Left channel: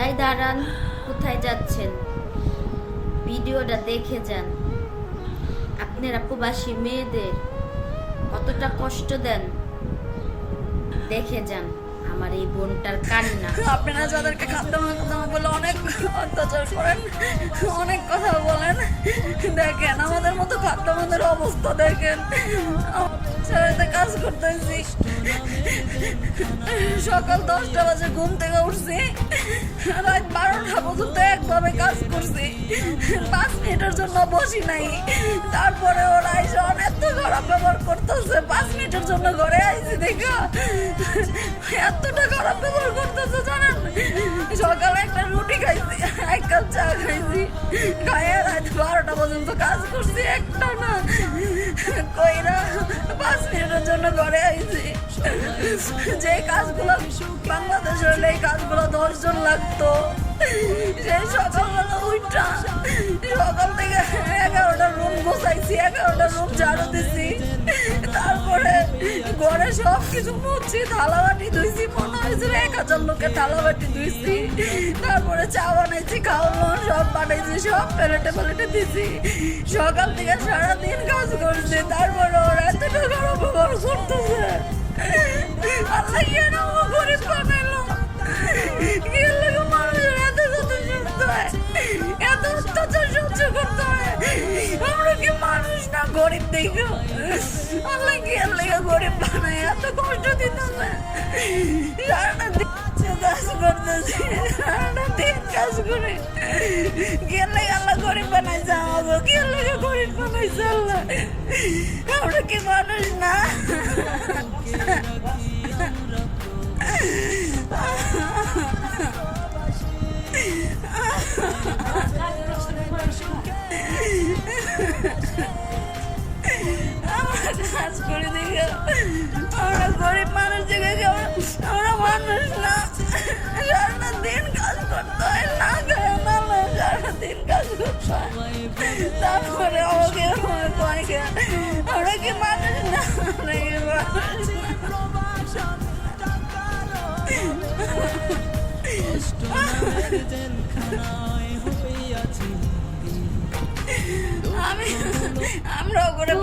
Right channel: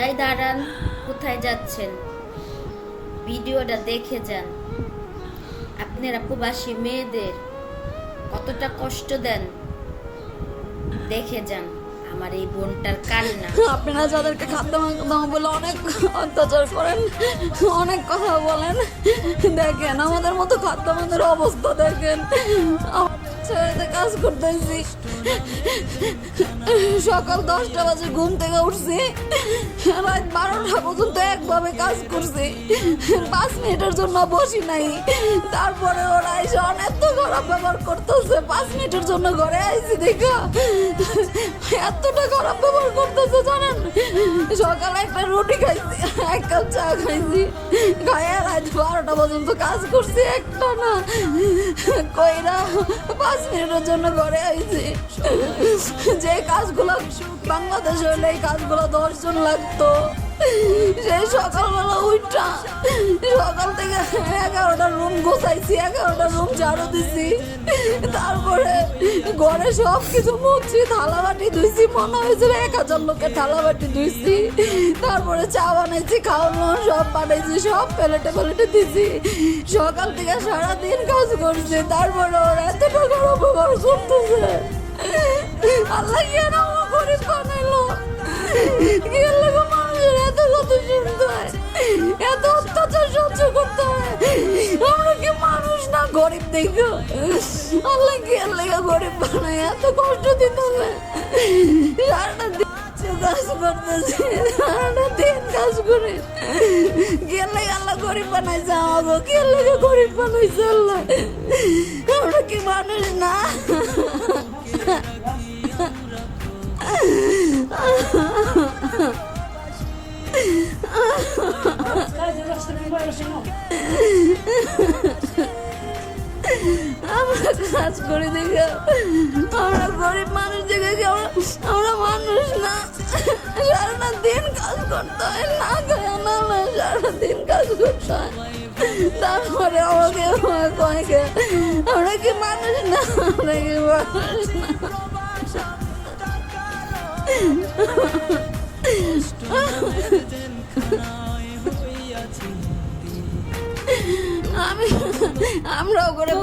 এই দাঁড়ান, কোথায় যাচ্ছেন? ভিডিওটা দেখে যান। আপনারা প্রবাসী মেয়েদের কতটা কষ্ট দেন? দেখে যান আমার এই বোনটার কান্না। আপনারা যাদেরকে খাদ্য বলে অনেক অত্যাচার করেন, অনেক কথা বলেন। দেখেন, আমাদের মতো খাদ্য অবস্থা দেখেন। ছেলেতে কাজ করতেছি। সকাল দশটা বাজে ঘুম থেকে উঠছি। রাত বারোটা পর্যন্ত একভাবে কাজ করছি। পাঁচ মিনিটের জন্য বসি নাই। তারপরে ওরা এসে অনেক তো খারাপ ব্যবহার করতেছে। পাঁচ মিনিটের জন্য ঘরে আসছি দেখা। এতটা খারাপ ব্যবহার করতেছে, জানেন? সকালে একটা রুটি খাইছি, এক কাপ চা খাইছি। খাইয়া রাত বারোটা পর্যন্ত কাজ করছি একটা না। কইরা পাঁচ জন্য ঘরে আইছি। যে কাজগুলো বাংলাদেশে হলে এই কাজগুলো দশজন লাগতো। সেই সকালবেলা উঠা, সকাল থেকে এগারোটা রুম গোছাইছি এগারোটা রুম ঝাড়ু দিছি। তারপরে ঘরে সব কিছু মুছছি থালা বাটি ধুইছি, মনে হয়েছিল এক হাজার লোকের থালা বাটি ধুইছি। তারপরে চা বানাইছি, খাওয়ানো, সব বানাইছি সব প্লেটে প্লেটে দিছি। সকাল থেকে সারাদিন কাজ করছে, তারপরে ওরা অপব্যবহার করতেছে আল্লাহ কেন আমার গরিব বানাইলো এত কত শুনতে হয়, এত অত্যাচার সহ্য হয়। আমরা কি মানুষ না গরিব দেখো? আল্লাহ গরিব এত কষ্ট দিতে হবে। দিন কাজ করতেছি, সারাটা দিন কাজ করে। গরিব বানাইছে, আমাকে গেলে গরিব বানাইছে আল্লাহ? আমরা কি মানুষ না? কাজ করে দেখে, আমরা গরিব মানুষ দেখে আমরা মানুষ না? দিন কাজ করতে হয়, না খায়, না সারাটা দিন তারপরে আমাকে আমরা কি মানুষ না আমরা কি মানুষ আমি আমরা করে